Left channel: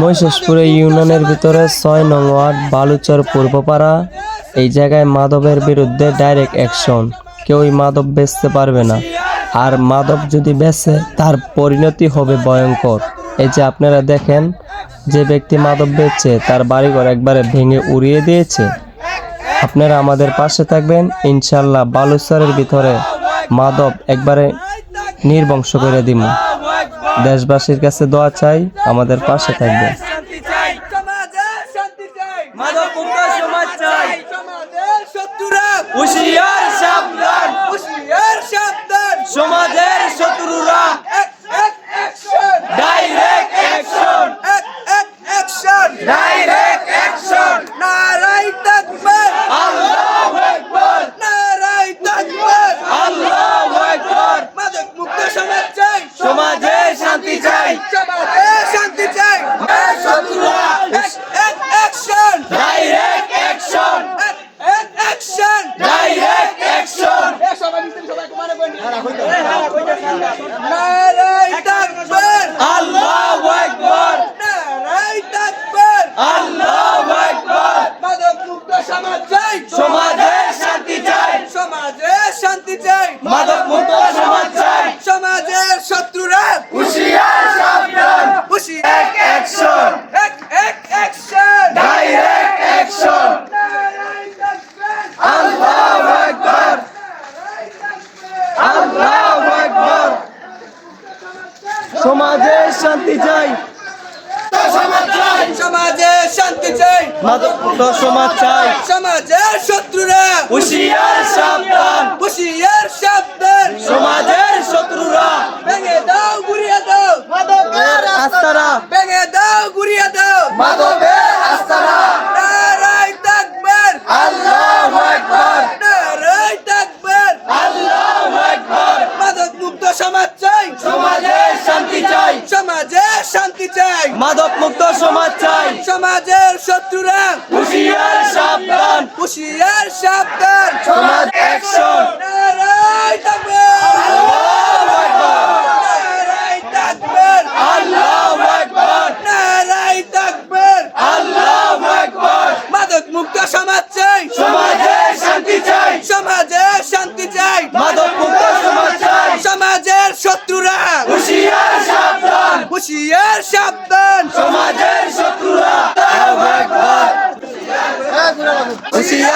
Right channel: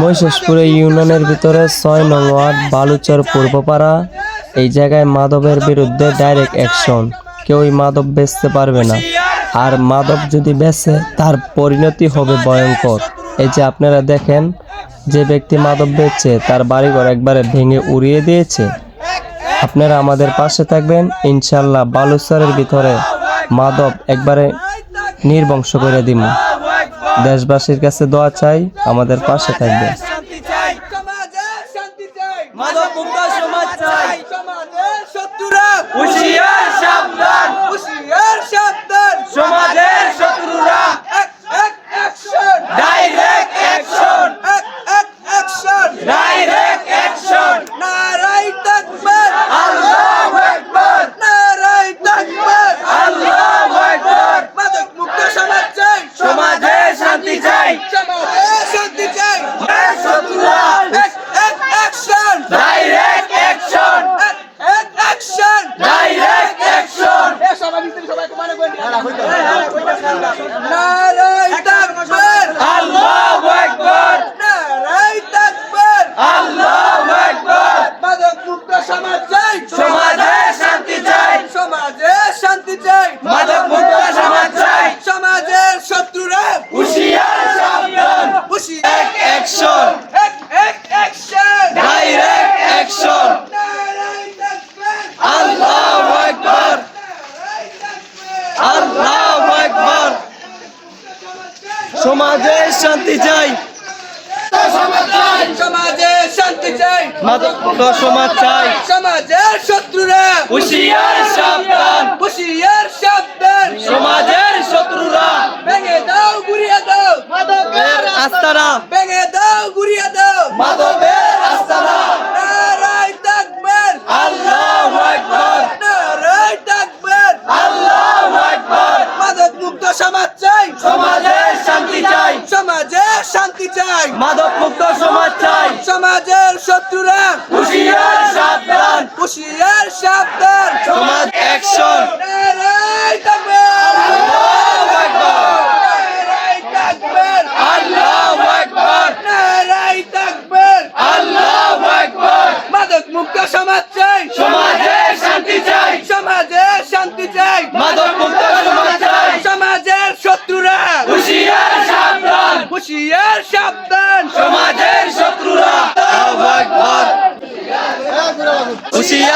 মহিষাসপুর ইউনিয়নের ভিতরে ৬ নং ওয়ার্ড বালুচর পূর্বপাড়া। এই জায়গায় মাদকের বিরুদ্ধে ডাইরেক্ট অ্যাকশন। কেউই মাদক বেচতে পারবে না, আর মাদক যদি বেচে তার পরিণতি হবে ভয়ঙ্কর। এই যে আপনারা দেখেন, যে ব্যক্তি মাদক বেচছে তার বাড়িঘর একবারে ভেঙে উড়িয়ে দিয়েছে। আপনারা আমাদের পাশে থাকবেন, ইনশাল্লাহ বালুচরের ভিতরে মাদক একবারে নির্বংশ করে দিব। দেশবাসীর কাছে দোয়া চাই, আমাদের পাশে থাকবেন। মাদক মুক্ত সমাজ চাই, সমাজের শত্রুরা হুঁশিয়ার সাবধান, হুঁশিয়ার সাবধান, সমাজের শত্রুরা action, direct action, action, direct action. নারায়ে তাকবীর, আল্লাহু আকবার, নারায়ে তাকবীর, আল্লাহু আকবার। মাদক মুক্ত সমাজ চাই, সমাজের শান্তি চাই, সমাজের শান্তি চাই। শত্রুরা action, direct action, action, direct action. সবাই কমানো করেন। নারায়ে তাকবীর, আল্লাহু আকবার, নারায়ে তাকবীর, আল্লাহু আকবার। মাদক মুক্ত সমাজ চাই, সমাজের শান্তি চাই, সমাজের শান্তি চাই। মাদক মুক্ত সমাজ চাই, সমাজের শত্রুরা হুঁশিয়ার সাবধান, হুঁশিয়ার অ্যাকশন, অ্যাকশন, ডাইরেক্ট অ্যাকশন। আল্লাহু আকবার, আল্লাহু আকবার। সমাজের শান্তি চাই, সমাজের শান্তি চাই। মাদক মুক্ত সমাজ চাই, সমাজের শত্রুরা হুঁশিয়ার সাবধান, হুঁশিয়ার সাবধান। সমাজের শত্রুরা ভেঙে দাও, গুড়িয়ে দাও মাদকের আস্তানা, ভেঙে দাও, গুড়িয়ে দাও মাদকের আস্তানা। নারায়ে তাকবীর, আল্লাহু আকবার, নারায়ে তাকবীর, আল্লাহু আকবার। মাদক মুক্ত সমাজ চাই, সমাজের শান্তি চাই, সমাজের শান্তি চাই। মাদক মুক্ত সমাজ চাই, সমাজের শত্রুরা হুঁশিয়ার সাবধান, হুঁশিয়ার সাবধান। সমাজ অ্যাকশন, নারায়ে তাকবীর, আল্লাহু আকবার, নারায়ে তাকবীর, আল্লাহু আকবার, নারায়ে তাকবীর, আল্লাহু আকবার। মাদক মুক্ত সমাজ চাই, সমাজের শান্তি চাই, সমাজের শান্তি চাই। মাদক মুক্ত সমাজ চাই, সমাজের শত্রুরা হুঁশিয়ার সাবধান, হুঁশিয়ার সাবধান। সমাজের শত্রুরা আল্লাহু আকবার, হুঁশিয়ার